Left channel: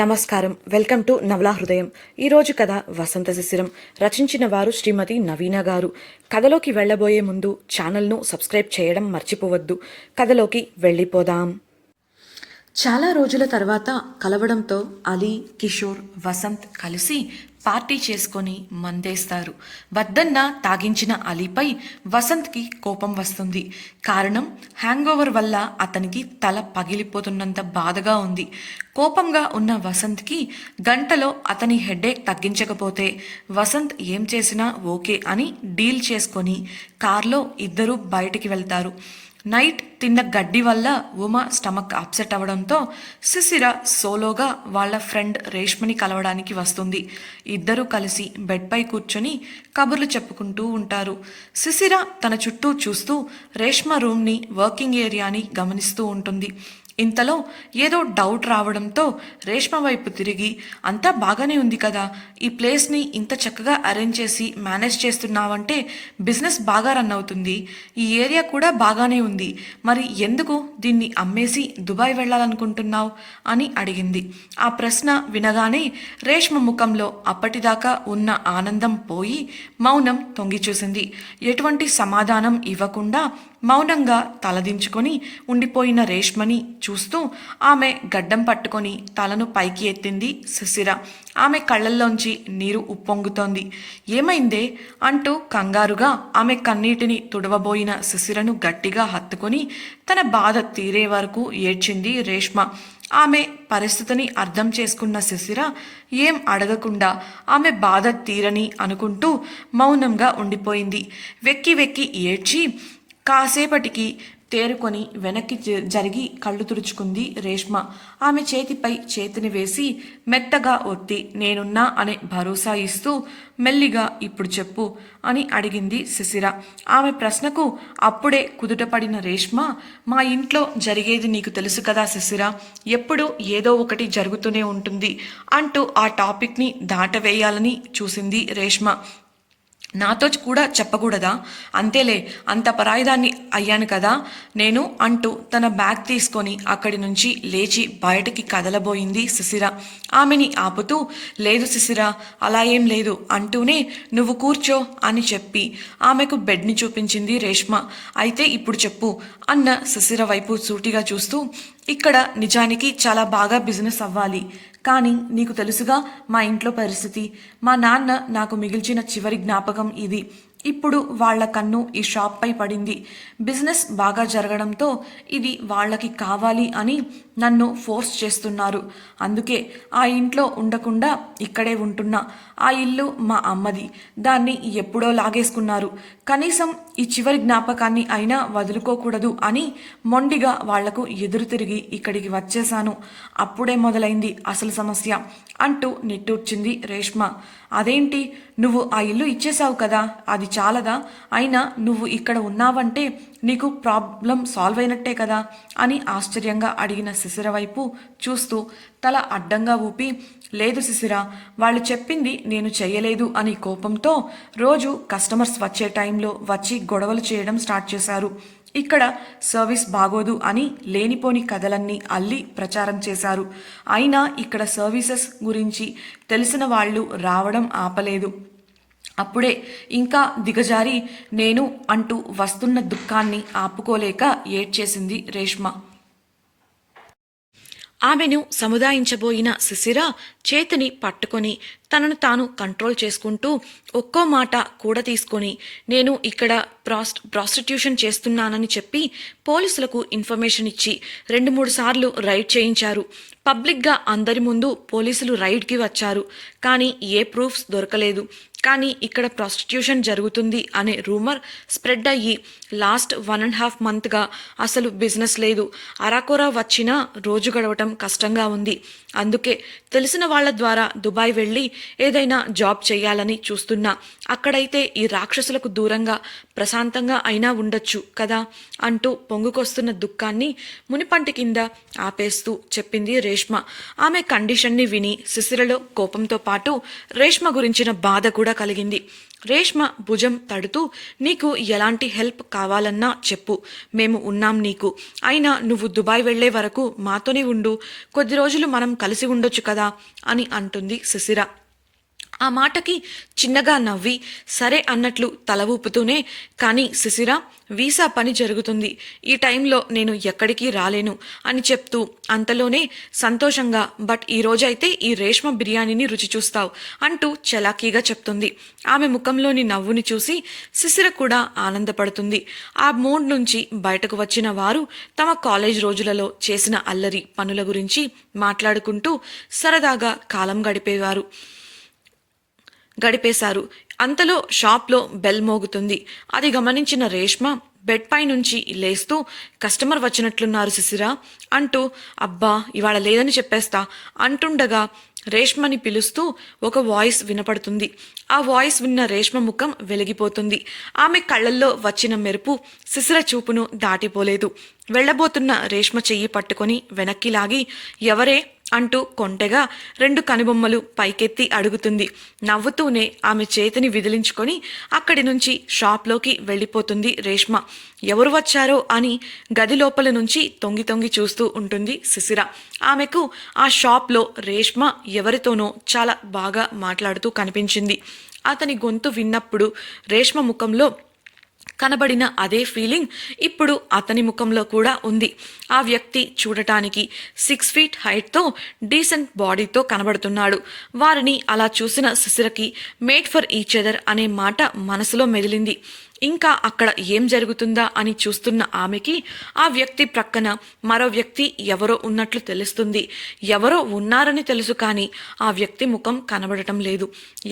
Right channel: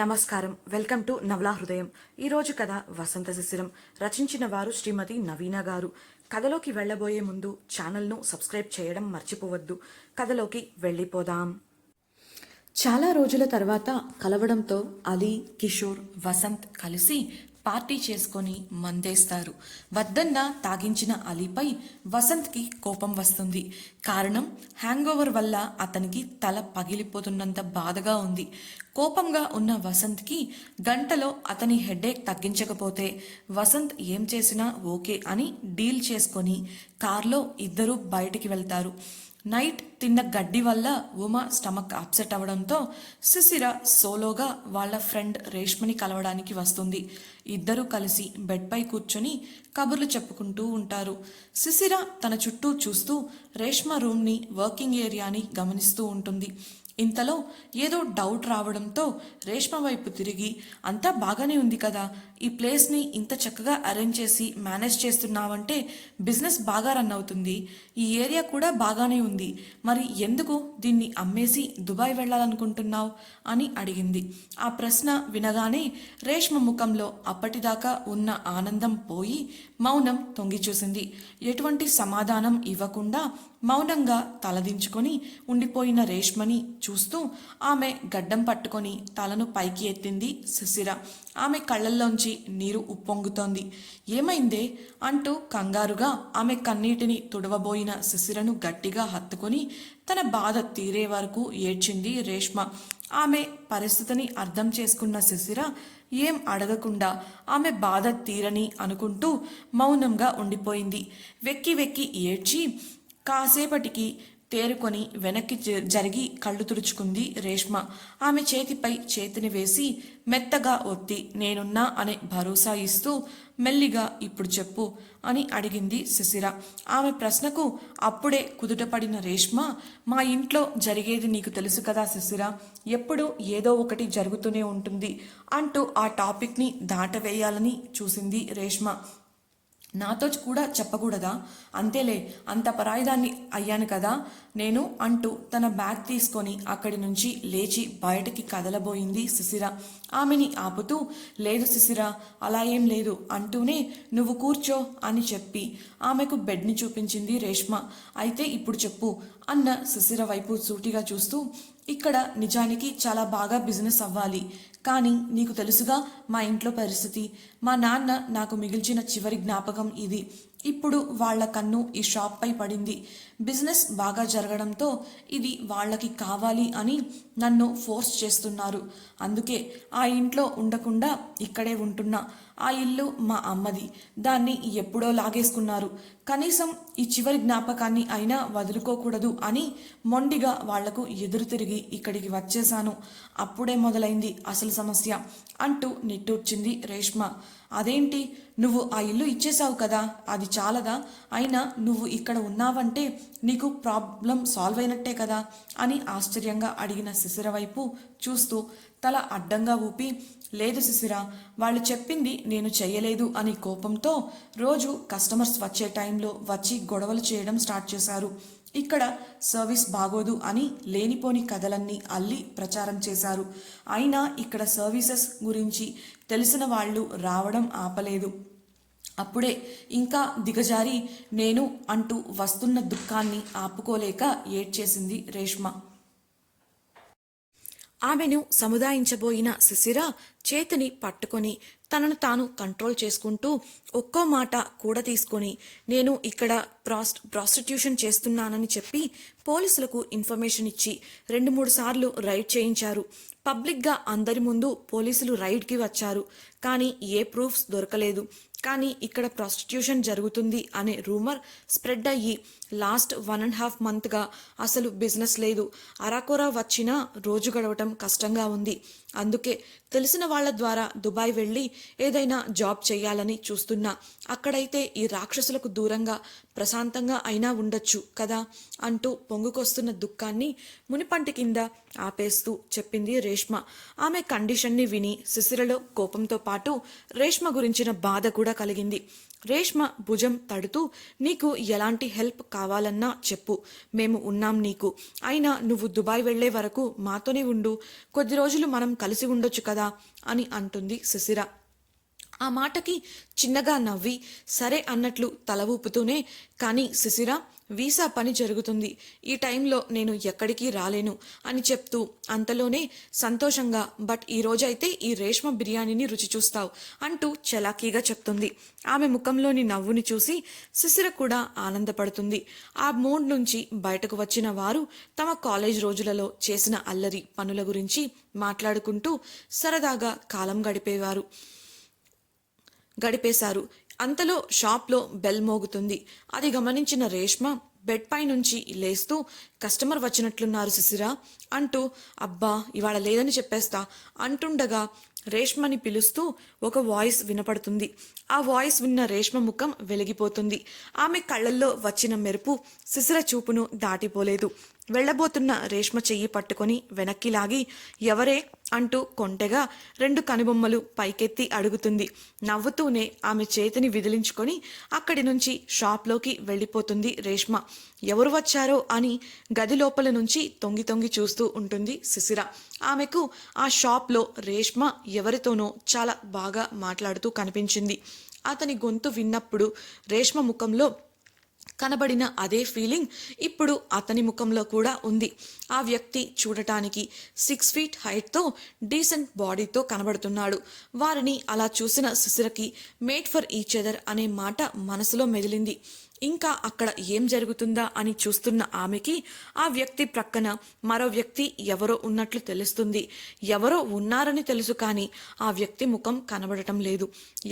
నమస్కారం. Welcome to నవలా హృదయం. ఈరోజు కథ వసంత శిశిరం. రచించిన వారు శ్రీమతి నవీన గారు. కథలోకి వెళ్ళబోయే ముందు ఛానల్ను సబ్స్క్రైబ్ చేయడం మర్చిపోవద్దు. కథలోకి వెళ్ళిపోదాం. చాలా రోజుల తర్వాత కలవడంతో అలీ, కిషోర్, వసంత్ కలిసి పార్టీ చేసుకొని మందేస్తారు. వద్దన్న తాగించిన అలీపై వసంత్కి కోపం వస్తుంది. కారణం హ్యాంగోవర్ వల్ల అతనికి తల పగిలిపోతున్నంత బాధగా ఉంది. కోపంగా ఉన్న వసంత్కి గంటలో అతని హెడేక్ తగ్గించకపోతే వసంత్ ఏం చేసినా ఓకే అని డీల్ చేసుకొని కార్లో ఇద్దరూ బయటికి వెళ్తారు. నైట్ తిన్న గడ్డి వల్ల ఉమా స్టమక్ అప్సెట్ అవడంతో శిశిర సోలోగా వాళ్ళ ఫ్రెండ్ రేష్మని కలవడానికి వస్తుంది. ఇద్దరూ కలిసి బెడ్పై కూర్చొని కబుర్లు చెప్పుకుంటూ ఉంటారు. శిశిర తన చుట్టూ చూస్తూ రేష్మ రూమ్ని, వర్కింగ్ ఏరియాని గమనిస్తూ ఉంటుంది. ఇంతలో ఏదో డౌట్ రావడంతో రేష్మ వైపు తిరిగి, అంతా బాగానే ఉంది కదా, ఈ ప్లేస్ని ఇంత చక్కగా అరేంజ్ చేసి మేనేజ్ చేస్తున్నావంటే బిజినెస్ బాగా రన్ అవుతుంది. ఈ ఏరియా కూడా బాగానే ఉంది. మరి ఎందుకు దీన్ని అమ్మేసి దుబాయ్ వెళ్ళాలనుకుంటున్నావు అని అడిగింది. ఆ ప్రశ్న వినగానే రేష్మ ముఖంలో అప్పటిదాకా ఉన్న ఆనందం పోయి మౌనం తొంగి చూసింది. ఎటువంటి సమాధానం ఇవ్వకుండా మౌనంగా తలదించుకొని ఉండిపోయిన రేష్మని చూస్తూ ఆమె గడ్డం పట్టుకొని తలను పైకి ఎత్తింది శిశిర. ఆమె కళ్ళల్లోంచి నీరు ఉప్పొంగుతోంది. ఏమైందే అంటూ కంగారుగా ఆమె కన్నీటిని తుడవబోయిన శిశిరను గట్టిగా హత్తుకొని తన బాధ తీరే వరకు ఏడ్చింది రేష్మ. ఆమె పరిస్థితిని అర్థం చేసుకున్న శిశిర ఏం అడగకుండా ఆమె బాధ తీరని అనుకుంటూ మౌనంగా ఉండిపోయింది. వెక్కి వెక్కి ఏడ్చి కాసేపటికి తేరుకొని వెనక్కి జరిగి కళ్ళు తుడుచుకుంది రేష్మ. ఆమె చేతిపై చేతిని వేసి మెత్తగా ఒత్తి నేనున్నా అనే భరోసా ఇస్తూ మెల్లిగా ఇప్పుడు చెప్పు అని అడిగింది శిశిర. ఆమె ప్రశ్నకు అప్పుడే కుదుటపడిన రేష్మ, మా ఇంట్లో జరిగేది నీకు తెలుసు కదా శిశిర, ఎప్పుడు ఏదో ఒకటి జరుగుతూనే ఉంటుంది అంటూ ఆ టాపిక్ని దాటవేయాలని చూసింది రేష్మ. నాతో కూడా చెప్పకూడదా? అంతేలే, అంత పరాయిదాన్ని అయ్యాను కదా నేను అంటూ తన బ్యాగ్ తీసుకొని అక్కడి నుంచి లేచి బయటికి కదలబోయింది శిశిర. ఆమెని ఆపుతూ, లేదు శిశిర, అలా ఏం లేదు అంటూనే నువ్వు కూర్చో అని చెప్పి ఆమెకు బెడ్ని చూపించింది రేష్మ. అయితే ఇప్పుడు చెప్పు అన్న శిశిర వైపు సూటిగా చూస్తూ, ఇక్కడ నిజానికి చాలా బాగా బిజినెస్ అవ్వాలి, కానీ నీకు తెలుసుగా మా ఇంట్లో పరిస్థితి. మా నాన్న నాకు మిగిల్చిన చివరి జ్ఞాపకం ఇది. ఇప్పుడు వాళ్ల కన్ను ఈ షాప్పై పడింది. బిజినెస్ బాగా జరగడంతో ఇది వాళ్ళకి కావాలి అని నన్ను ఫోర్స్ చేస్తున్నారు. అందుకే ఆ ఇంట్లో ఉండకుండా ఇక్కడే ఉంటున్నా. ఆ ఇల్లు మా అమ్మది, దాన్ని ఎప్పుడో లాగేసుకున్నారు. కనీసం ఈ చివరి జ్ఞాపకాన్ని అయినా వదులుకోకూడదు అని మొండిగా వాళ్లకు ఎదురు తిరిగి ఇక్కడికి వచ్చేశాను. అప్పుడే మొదలైంది అసలు సమస్య అంటూ నిట్టూర్చింది రేష్మ. అదేంటి, నువ్వు ఆ ఇల్లు ఇచ్చేశావు కదా, అది చాలదా? అయినా నువ్వు ఇక్కడ ఉన్నావంటే నీకు ప్రాబ్లం సాల్వ్ అయినట్టే కదా అని ఆశ్చర్యంగా అడిగిన శిశిర వైపు చూస్తూ తల అడ్డంగా ఊపి, లేదు శిశిర, వాళ్ళు చెప్పింది నేను చెయ్యలేదు అని కోపంతో రోజు కస్టమర్స్ వచ్చే టైంలో వచ్చి గొడవలు చేయడం స్టార్ట్ చేశారు. ఇక్కడ సర్వీస్ బాగోదు అని లేనిపోని కథలన్నీ అల్లి ప్రచారం చేశారు. అయినా ఇక్కడ సర్వీసెస్ గురించి తెలిసిన వాళ్ళు రావడం ఆపలేదు. అప్పుడే ఇంకా దిగజారి నేను అంటూ వస్తున్న దుఃఖాన్ని ఆపుకోలేక ఏడ్చేసింది రేష్మ. ఆమెను సముదాయించబోయిన శిశిర చేతిని పట్టుకొని తనను తాను కంట్రోల్ చేసుకుంటూ ఒక్కో మాట కూడా తీసుకొని, నేను ఇక్కడ ప్రాస్టిట్యూషన్ చేస్తున్నానని చెప్పి పోలీసులకు ఇన్ఫర్మేషన్ ఇచ్చి 2-3 సార్లు రైడ్ చేయించారు. పబ్లిక్గా అందరి ముందు పోలీసులు రైడ్కి వచ్చారు. కానీ ఏ ప్రూఫ్స్ దొరకలేదు. కానీ ఇక్కడ ప్రాస్టిట్యూషన్ జరుగుతుంది అనే రూమర్ స్ప్రెడ్ అయ్యి లాస్ట్ 1.5 మంత్గా అసలు బిజినెస్ లేదు. అరాకొరా వచ్చినా రోజు గడవటం కష్టంగా ఉంది. అందుకే తెలిసిన వాళ్ళ ద్వారా దుబాయ్ వెళ్ళి ఏదైనా జాబ్ చేయాలని చూస్తున్నా. అక్కడైతే ఈ రాక్షసులకు దూరంగా ప్రశాంతంగా అయినా ఉండొచ్చు కదా అంటూ పొంగుకొస్తున్న దుఃఖాన్ని మునిపంటి కింద ఆపేస్తూ చెప్పింది రేష్మ. ఆమె కండిషన్ని విని శిశిరలో కోపంతో పాటు రేష్మ గురించిన బాధ కూడా కూడా కలిగింది. రేష్మ భుజం తడుతూ, నీకు ఎలాంటి హెల్ప్ కావాలన్నా చెప్పు, మేము ఉన్నాం నీకు. అయినా నువ్వు దుబాయ్ వెళ్లే వరకు మాతోనే ఉండు, కొద్ది రోజులు మనం కలిసి ఉండొచ్చు కదా అని అంటుంది శిశిర. ఆ మాటకి చిన్నగా నవ్వి సరే అన్నట్లు తల ఊపుతూనే, కానీ శిశిర, వీసా పని జరుగుతుంది, ఈ టైంలో నేను ఎక్కడికి రాలేను అని చెప్తూ అంతలోనే సంతోషంగా, బట్ ఈ రోజైతే ఈ రేష్మ బిర్యానీని రుచి చూస్తావు అంటూ చలాకీగా చెప్తుంది. ఆమె ముఖంలోని నవ్వుని చూసి శిశిర కూడా ఆనందపడుతుంది. ఆ మూడ్ నుంచి బయటకు వచ్చిన వారు తమ కాలేజ్ రోజులలో చేసిన అల్లరి పనుల గురించి మాట్లాడుకుంటూ సరదాగా కాలం గడిపేశారు. అంతలో షాప్లో బెల్ మోగుతుంది. అది గమనించిన రేష్మ బెడ్ పై నుంచి లేస్తూ, కస్టమర్ వచ్చినట్లున్నారు శిశిర అంటూ, అబ్బా ఇవాళ లేదని చెప్పేస్తా అంటుండగా రేష్మని పిలుస్తూ ఒక వాయిస్ వినపడుతుంది. ఆ వాయిస్ విన్న రేష్మ ముఖం వెలిగిపోతుంది. ఆమె కళ్ళల్లో వచ్చిన మెరుపు శిశిర చూపును దాటిపోలేదు. వెళ్లబోతున్న రేష్మ చెయ్యి పట్టుకొని వెనక్కి లాగి, ఎవరే అంటూ కొంటెగా 2 కనుబొమ్మలు పైకెత్తి అడుగుతుంది. నవ్వుతూనే ఆమె చేతిని విదిలించుకొని అక్కడి నుంచి షాప్లోకి వెళ్ళిపోతుంది రేష్మ. ఎవరు వచ్చారో అని గది లోపల నుంచి తొంగి తొంగి చూస్తూ ఉంటుంది శిశిర. ఆమెకు ఆ షాప్లో రేష్మ ఎవరితోనో చాలా బాగా మాట్లాడుతూ కనిపించింది. అతని గొంతు విన్నప్పుడు రేష్మ ముఖంలో కనబడిన అదే ఫీలింగ్ ఇప్పుడు అతని ముఖంలో కూడా ఉంది. ఆ వ్యక్తి చూడటానికి 6 feet హైట్తో డీసెంట్ బాడీతో కనబడుతున్నాడు. వారిని అలా చూసిన శిశిరకి మేడ్ ఫర్ ఈచ్ అదర్ అనే మాట మనసులో మెదిలింది. ఇంకా అక్కడ ఏం జరుగుతుందా అని చూస్తున్న ఆమెకి ఆ వ్యక్తి ప్రక్కన మరో వ్యక్తి ఎవరో ఉన్నట్లు తెలుస్తుంది. ఎవరో ఉన్నారని తెలుసు, కానీ ఆ వ్యక్తి ముఖం కనబడటం లేదు.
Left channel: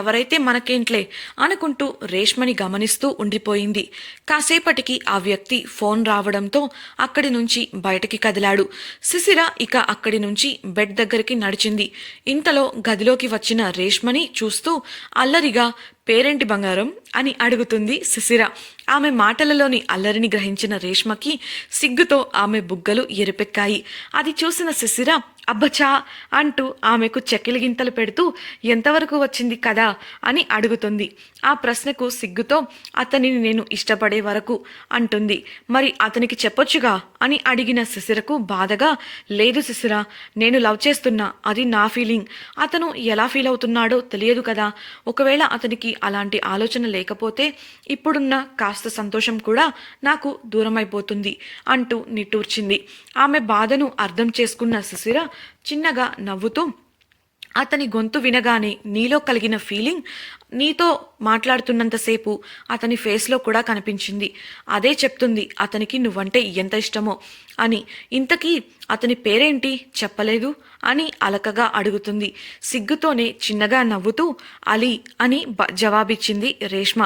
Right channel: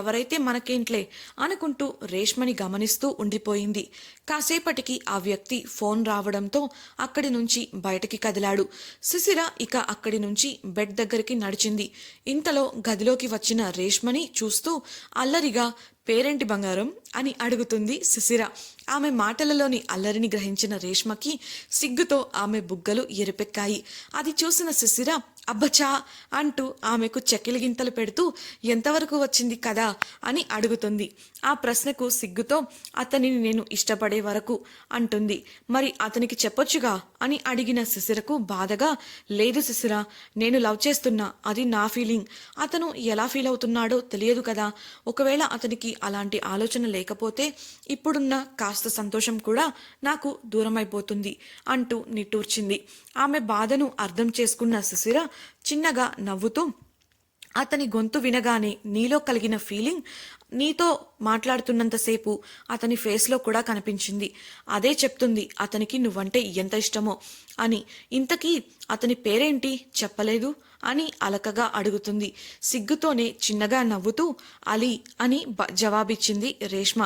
ఎవరైతే మనకేంట్లే అనుకుంటూ రేష్మని గమనిస్తూ ఉండిపోయింది. కాసేపటికి ఆ వ్యక్తి ఫోన్ రావడంతో అక్కడి నుంచి బయటికి కదిలాడు. శిశిర ఇక అక్కడి నుంచి బెడ్ దగ్గరికి నడిచింది. ఇంతలో గదిలోకి వచ్చిన రేష్మని చూస్తూ అల్లరిగా, పేరేంటి బంగారం అని అడుగుతుంది శిశిర. ఆమె మాటలలోని అల్లరిని గ్రహించిన రేష్మకి సిగ్గుతో ఆమె బుగ్గలు ఎరుపెక్కాయి. అది చూసిన శిశిర అబ్బచా అంటూ ఆమెకు చెక్కిలిగింతలు పెడుతూ, ఎంతవరకు వచ్చింది కదా అని అడుగుతుంది. ఆ ప్రశ్నకు సిగ్గుతో, అతనిని నేను ఇష్టపడే వరకు అంటుంది. మరి అతనికి చెప్పొచ్చుగా అని అడిగిన శిశిరకు బాధగా, లేదు శిశిర, నేను లవ్ చేస్తున్నా, అది నా ఫీలింగ్. అతను ఎలా ఫీల్ అవుతున్నాడో తెలియదు కదా. ఒకవేళ అతనికి అలాంటి ఆలోచన లేకపోతే ఇప్పుడున్న కాస్త సంతోషం కూడా నాకు దూరమైపోతుంది అంటూ నిట్టూర్చింది. ఆమె బాధను అర్థం చేసుకున్న శిశిర చిన్నగా నవ్వుతూ, అతని గొంతు వినగానే నీలో కలిగిన ఫీలింగ్ నీతో మాట్లాడుతున్నంతసేపు అతని ఫేస్లో కూడా కనిపించింది. అదే చెప్తుంది అతనికి నువ్వంటే ఎంత ఇష్టమో అని. ఇంతకీ అతని పేరేంటి చెప్పలేదు అని అలకగా అడుగుతుంది. సిగ్గుతోనే చిన్నగా నవ్వుతూ అలీ అని జవాబిచ్చింది రేష్మ.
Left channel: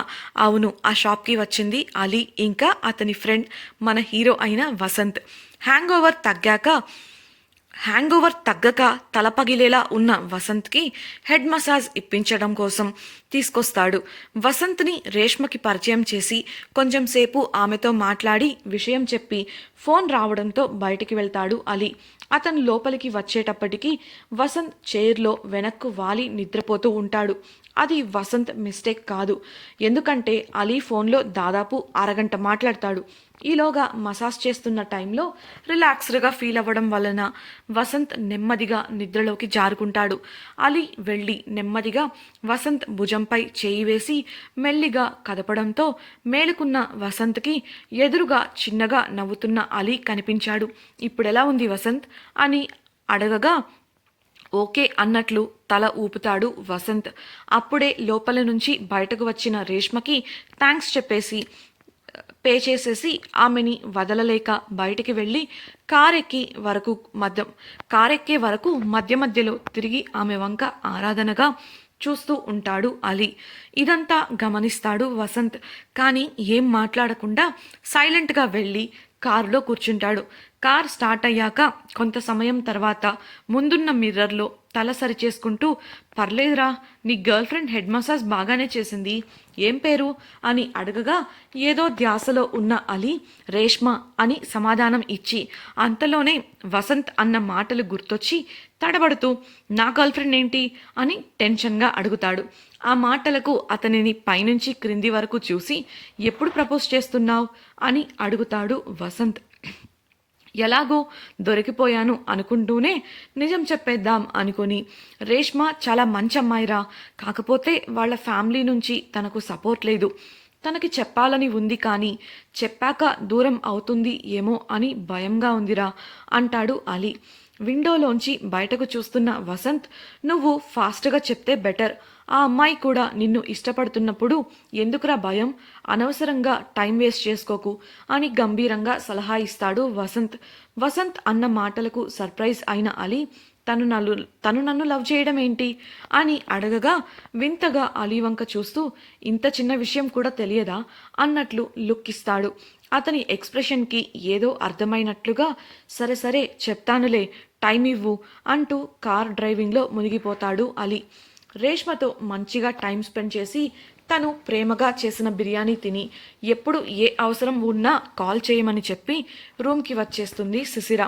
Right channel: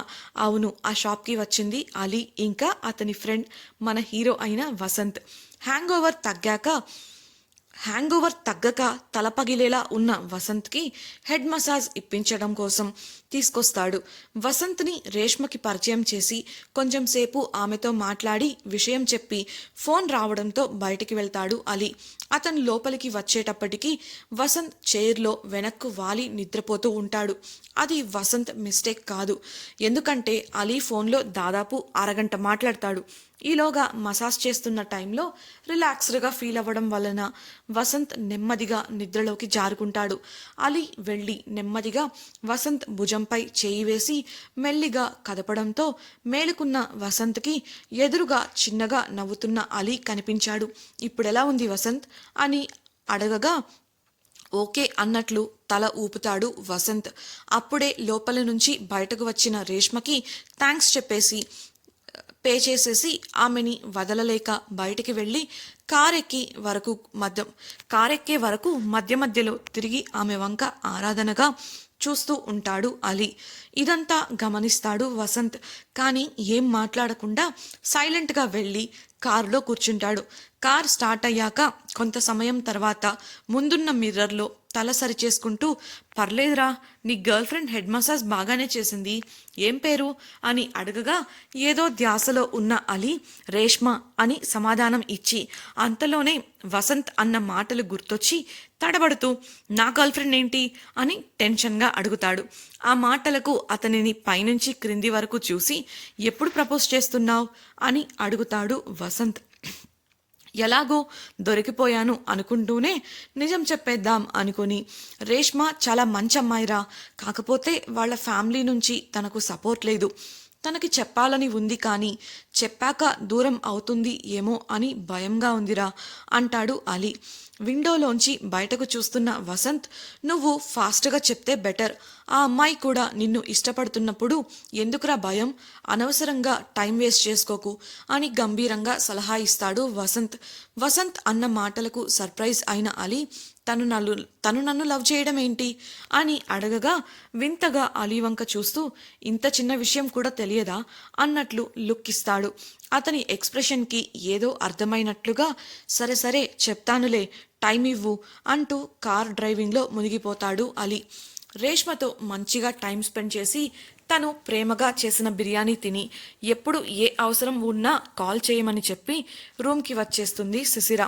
అవును, ఆ షాప్కి వచ్చింది అలీ, ఇంకా అతని ఫ్రెండ్ మన హీరో అయిన వసంత్. హ్యాంగ్ ఓవర్ తగ్గక తలపగిలేలా ఉన్న వసంత్కి హెడ్ మసాజ్ ఇప్పించడం కోసం తీసుకొస్తాడు. వసంత్ని రేష్మకి పరిచయం చేసి కొంచెం సేపు ఆమెతో మాట్లాడి విషయం చెప్పి ఫోన్ రావడంతో బయటికి వెళ్తాడు అలీ. అతను లోపలికి వచ్చేటప్పటికి వసంత్ చైర్లో వెనక్కు వాలి నిద్రపోతూ ఉంటాడు. అది వసంత్ మిస్టేక్ కాదు, ఎందుకంటే అలీ ఫోన్లో దాదాపు అరగంట మాట్లాడతాడు. ఈలోగా మసాజ్ చేస్తున్న టైంలో రిలాక్స్డ్గా ఫీల్ అవ్వడం వలన వసంత్ నెమ్మదిగా నిద్రలోకి జారుకుంటాడు. అలీ వెళ్ళి నెమ్మదిగా వసంత్ భుజంపై చేయి వేసి మెల్లిగా కదపడంతో మేలుకున్న వసంత్కి ఎదురుగా చిన్నగా నవ్వుతున్న అలీ కనిపించాడు. ఇప్పుడెలా ఉంది వసంత్ అని అడగగా ఓకే అన్నట్లు తల ఊపుతాడు వసంత్. అప్పుడే లోపల నుంచి బయటకు వచ్చిన రేష్మకి థ్యాంక్స్ చెప్పేసి పే చేసేసి ఆమెని వదలలేక బయటికి వెళ్ళి కారెక్కే వరకు మధ్య మధ్యలో తిరిగి ఆమె వంక ఆరాధనగా చూస్తూ ఉంటాడు అలీ. ఇదంతా గమనిస్తాడు వసంత్. కానీ ఏం మాట్లాడకుండా సైలెంట్గా వెళ్ళి కారులో కూర్చుంటాడు. కార్ స్టార్ట్ అయ్యాక కొంత సమయం తర్వాత ముందున్న మిర్రర్లో తల సరి చేసుకుంటూ, పర్లేదురా, నీ గర్ల్ ఫ్రెండ్ హెడ్ మసాజ్ బాగానే చేసింది, ఏం పేరు అని అడగగా ఏదో ధ్యాసలో ఉన్న అలీ రేష్మ అని సమాధానం ఇచ్చి అంతలోనే వసంత్ అన్న మాటలు గుర్తొచ్చి తడబడుతూ నా గర్ల్ ఫ్రెండ్ ఏంటి అని టెన్షన్గా అడుగుతాడు. ఆ మాటలకు అతనిని పైనుంచి క్రింది వరకు చూసి ఎప్పుడు ప్రపోజ్ చేస్తున్నావు అని అడుగుతాడు వసంత్. ఎలాగో దొరికిపోయాను అనుకుంటూనే నిజం చెప్పేద్దాం అనుకుని, రేష్మ చాలా మంచి అమ్మాయిరా, కాకపోతే వాళ్ళ ఫ్యామిలీ నుంచి తనకు సపోర్ట్ లేదు, తనకి చెప్పాలని ఉంది కానీ చెప్పాక దూరం అవుతుంది ఏమో అని భయంగా ఉందిరా అంటాడు అలీ. విండోలోంచి బయటకు చూస్తున్న వసంత్, నువ్వు ఫాస్ట్గా చెప్తే బెటర్, ఆ అమ్మాయి కూడా నిన్ను ఇష్టపడుతున్నప్పుడు ఎందుకురా భయం, అనవసరంగా టైం వేస్ట్ చేసుకోకు అని గంభీరంగా సలహా ఇస్తాడు వసంత్. వసంత్ అన్న మాటలకు సర్ప్రైజ్ అయిన అలీ, తను నన్ను లవ్ చేయడం ఏంటి అని అడగగా వింతగా అలీ వంక చూస్తూ, ఇంత చిన్న విషయం కూడా తెలియదా అన్నట్లు లుక్ ఇస్తాడు. అతని ఎక్స్ప్రెషన్కి ఏదో అర్థమైనట్లుగా సరే సరే చెప్తానులే, టైం ఇవ్వు అంటూ కార్ డ్రైవింగ్లో మునిగిపోతాడు అలీ. రేష్మతో మంచిగా టైం స్పెండ్ చేసి తను ప్రేమగా చేసిన బిర్యానీ తిని ఎప్పుడు ఏ అవసరం ఉన్నా కాల్ చేయమని చెప్పి రూమ్కి వచ్చేస్తుంది శిశిర.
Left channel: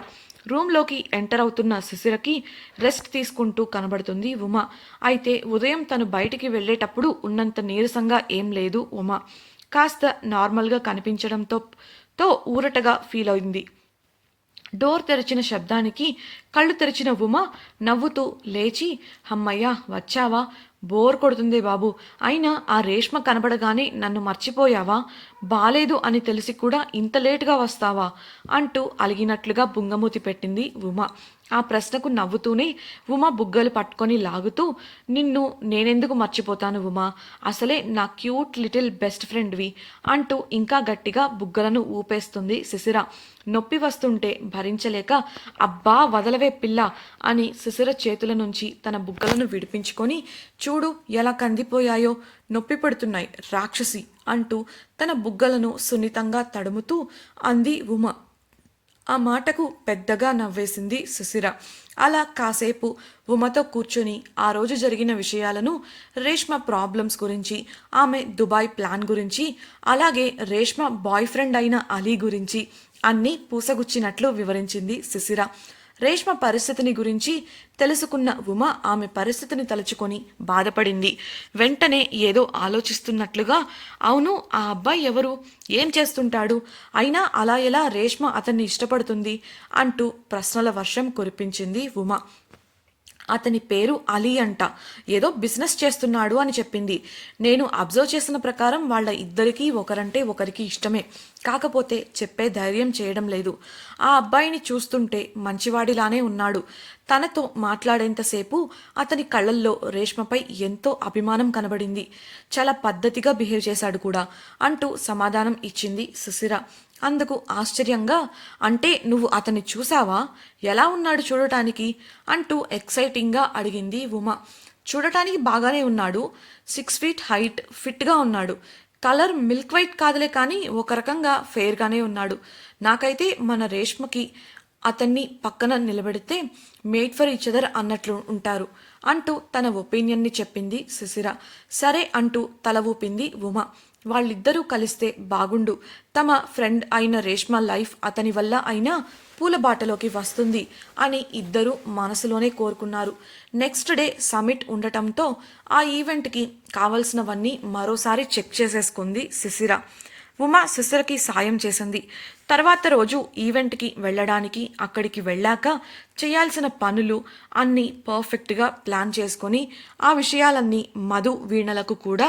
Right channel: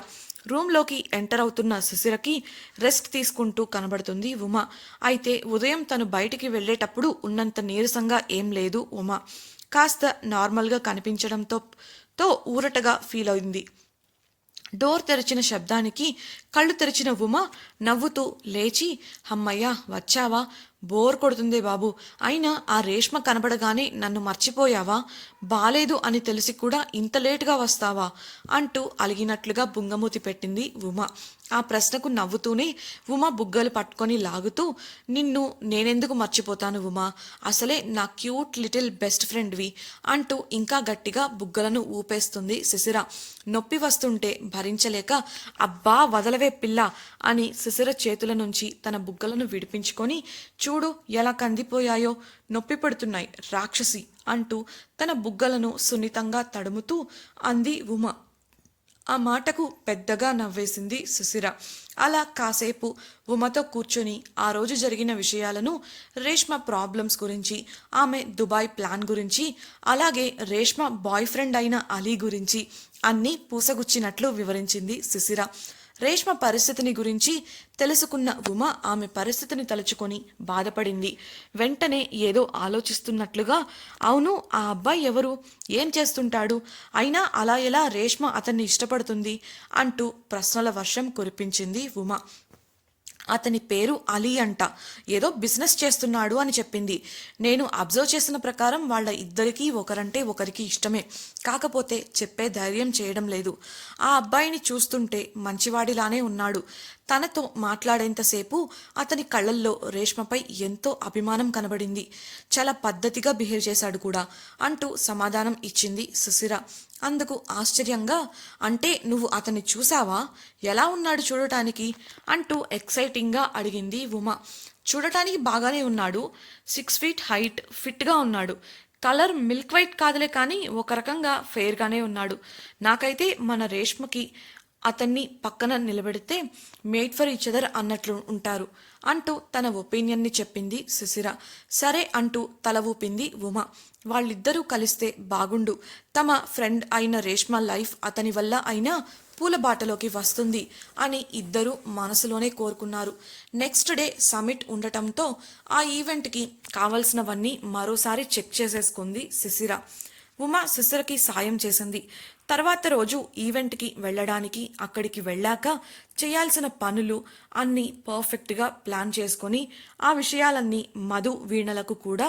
రూమ్లోకి ఎంటర్ అవుతున్న శిశిరకి రెస్ట్ తీసుకుంటూ కనబడుతుంది ఉమ. అయితే ఉదయం తను బయటికి వెళ్ళేటప్పుడు ఉన్నంత నీరసంగా ఏం లేదు ఉమ. కాస్త నార్మల్గా కనిపించడంతో ఊరటగా ఫీల్ అయింది. డోర్ తెరిచిన శబ్దానికి కళ్ళు తెరిచిన ఉమ నవ్వుతూ లేచి, అమ్మయ్యా వచ్చావా, బోర్ కొడుతుంది బాబు, అయినా ఆ రేష్మ కనబడగానే నన్ను మర్చిపోయావా, బాలేదు అని తెలిసి కూడా ఇంత లేటుగా వస్తావా అంటూ అలిగినట్లుగా బుంగమూతి పెట్టింది ఉమ. ఆ ప్రశ్నకు నవ్వుతూనే ఉమ బుగ్గలు పట్టుకొని లాగుతూ, నిన్ను నేనెందుకు మర్చిపోతాను ఉమా, అసలే నా క్యూట్ లిటిల్ బెస్ట్ ఫ్రెండ్వి అంటూ ఇంకా గట్టిగా బుగ్గలను ఊపేస్తుంది శిశిర. నొప్పి వస్తుంటే భరించలేక, అబ్బా వదలవే పిల్ల అని శిశిర చేతుల నుంచి తన బుగ్గలను విడిపించుకొని, చూడు ఎలా కందిపోయాయో, నొప్పి పడుతున్నాయి రాక్షసి అంటూ తన బుగ్గలను సున్నితంగా తడుముతూ అంది ఉమ. ఆ మాటకు పెద్దగా నవ్వేసింది సుశిర. అలా కాసేపు ఉమతో కూర్చొని ఆ రోజు జరిగిన విషయాలను, రేష్మ ప్రాబ్లమ్స్ గురించి, ఆమె దుబాయ్ ప్లాన్ గురించి, అలాగే రేష్మ బాయ్ ఫ్రెండ్ అయిన అలీ గురించి అన్నీ పూసగుచ్చినట్లు వివరించింది సుశిర. రేష్మ పరిస్థితిని గురించి తెలుసుకున్న ఉమ ఆమె పరిస్థితిని తలుచుకొని బాధపడింది. వెంటనే ఏదో ఆలోచిస్తున్నట్లుగా, అవును ఆ అబ్బాయి ఎవరు, ఏం చేస్తుంటాడు, అయినా అలా ఎలా రేష్మ అతన్ని ఇష్టపడుతుంది అంటూ ప్రశ్నల వర్షం కురిపించింది ఉమ. అతని పేరు అలీ అంట, ఏదో బిజినెస్ చేస్తున్నాడు అని చెప్పింది. నేను అబ్జర్వ్ చేసిన ప్రకారం వాళ్ళ ఇద్దరికీ ఒకరంటే ఒకరికి ఇష్టమే, కాకపోతే చెప్పే ధైర్యం చేయడం లేదు. ఆ అబ్బాయిని చూస్తుంటే మంచివాడిలానే ఉన్నాడు. తనతో మాట్లాడేంతసేపు అతని కళ్ళల్లో రేష్మపై ఎంతో అభిమానం కనబడింది. చాలా పద్ధతిగా బిహేవ్ చేశాడు కూడా అంటూ సమాధానం ఇచ్చింది సుశిర. అందుకు ఆశ్చర్యంగా, అంటే నువ్వు అతన్ని చూసావా, ఎలా ఉన్నాడు చూడటానికి అంటూ ఎక్సైటింగ్గా అడిగింది ఉమ. చూడటానికి బాగానే ఉన్నాడు, 6 feet హైట్, ఫిట్గా ఉన్నాడు. కలర్ మిల్క్ వైట్ కాదులే కానీ ఒక రకంగా ఫెయిర్గానే ఉన్నాడు. నాకైతే మన రేష్మకి అతన్ని పక్కన నిలబెడితే మేడ్ ఫర్ ఈచ్ అదర్ అన్నట్లు ఉంటారు అంటూ తన ఒపీనియన్ని చెప్పింది సుశిర. సరే అంటూ తల ఊపింది ఉమ. వాళ్ళిద్దరూ కలిస్తే బాగుండు, తమ ఫ్రెండ్ అయిన రేష్మ లైఫ్ అతని వల్ల అయినా పూలబాటలోకి వస్తుంది అని ఇద్దరూ మనసులోనే కోరుకున్నారు. నెక్స్ట్ డే సమిట్ ఉండటంతో ఆ ఈవెంట్కి కావలసినవన్నీ మరోసారి చెక్ చేసేసుకుంది శిశిర. ఉమ శిశిరకి సాయం చేసింది. తర్వాత రోజు ఈవెంట్కి వెళ్ళడానికి అక్కడికి వెళ్ళాక చేయాల్సిన పనులు అన్నీ పర్ఫెక్ట్గా ప్లాన్ చేసుకొని ఆ విషయాలన్నీ మధు వీణలకు కూడా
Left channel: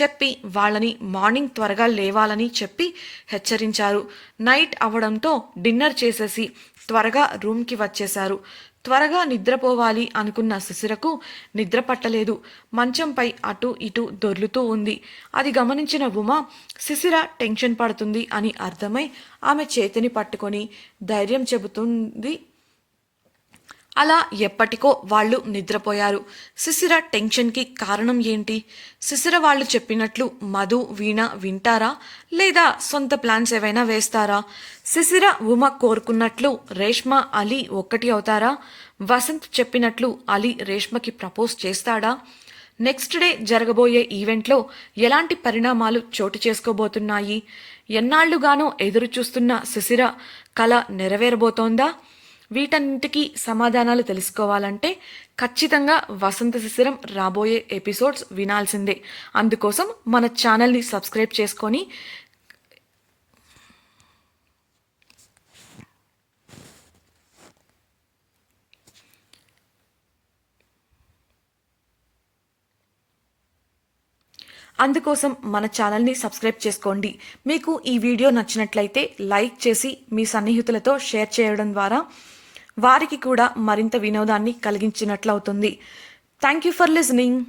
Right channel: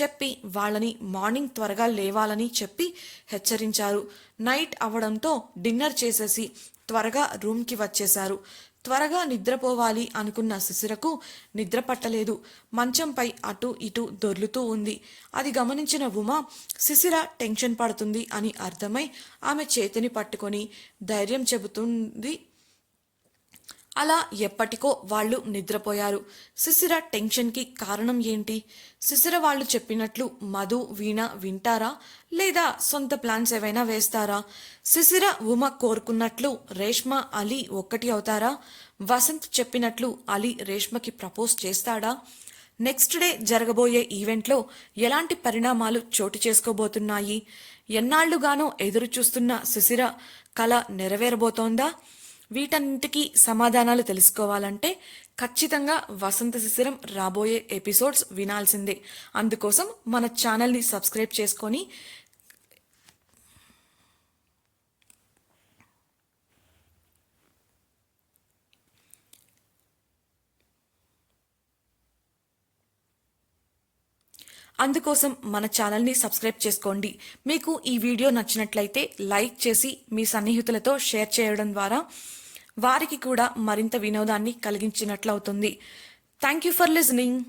చెప్పి వాళ్ళని మార్నింగ్ త్వరగా లేవాలని చెప్పి హెచ్చరించారు. నైట్ అవడంతో డిన్నర్ చేసేసి త్వరగా రూమ్కి వచ్చేశారు. త్వరగా నిద్రపోవాలి అనుకున్న శిశిరకు నిద్ర పట్టలేదు. మంచంపై అటు ఇటు దొర్లుతూ ఉంది. అది గమనించిన ఉమ శిశిర టెన్షన్ పడుతుంది అని అర్థమై ఆమె చేతిని పట్టుకొని ధైర్యం చెబుతుంది. అలా ఎప్పటికో వాళ్ళు నిద్రపోయారు. శిశిర టెన్షన్కి కారణం ఏంటి? శిశిర వాళ్ళు చెప్పినట్లు మధు వీణ వింటారా, లేదా సొంత ప్లాన్స్ ఏవైనా వేస్తారా? శిశిర ఉమ కోరుకున్నట్లు రేష్మ అలీ ఒక్కటి అవుతారా? వసంత్ చెప్పినట్లు అలీ రేష్మకి ప్రపోజ్ చేస్తాడా? నెక్స్ట్ డే జరగబోయే ఈవెంట్లో ఎలాంటి పరిణామాలు చోటు చేసుకోబోతున్నాయి? ఎన్నాళ్లుగానో ఎదురు చూస్తున్న శిశిర కల నెరవేరబోతోందా? వీటన్నిటికీ సమాధానాలు తెలుసుకోవాలంటే ఖచ్చితంగా వసంత శిశిరం రాబోయే ఎపిసోడ్స్ వినాల్సిందే. అందుకోసం మన ఛానల్ని సబ్స్క్రైబ్ చేసుకొని సబ్స్క్రైబ్ చేసుకోండి. మీకు ఈ వీడియో నచ్చినట్లయితే లైక్ చేసి మీ సన్నిహితులతో షేర్ చేయడం ద్వారా వారికి కూడా మరింత వినోదాన్ని కలిగించినట్లవుతుంది. Thank you for listening.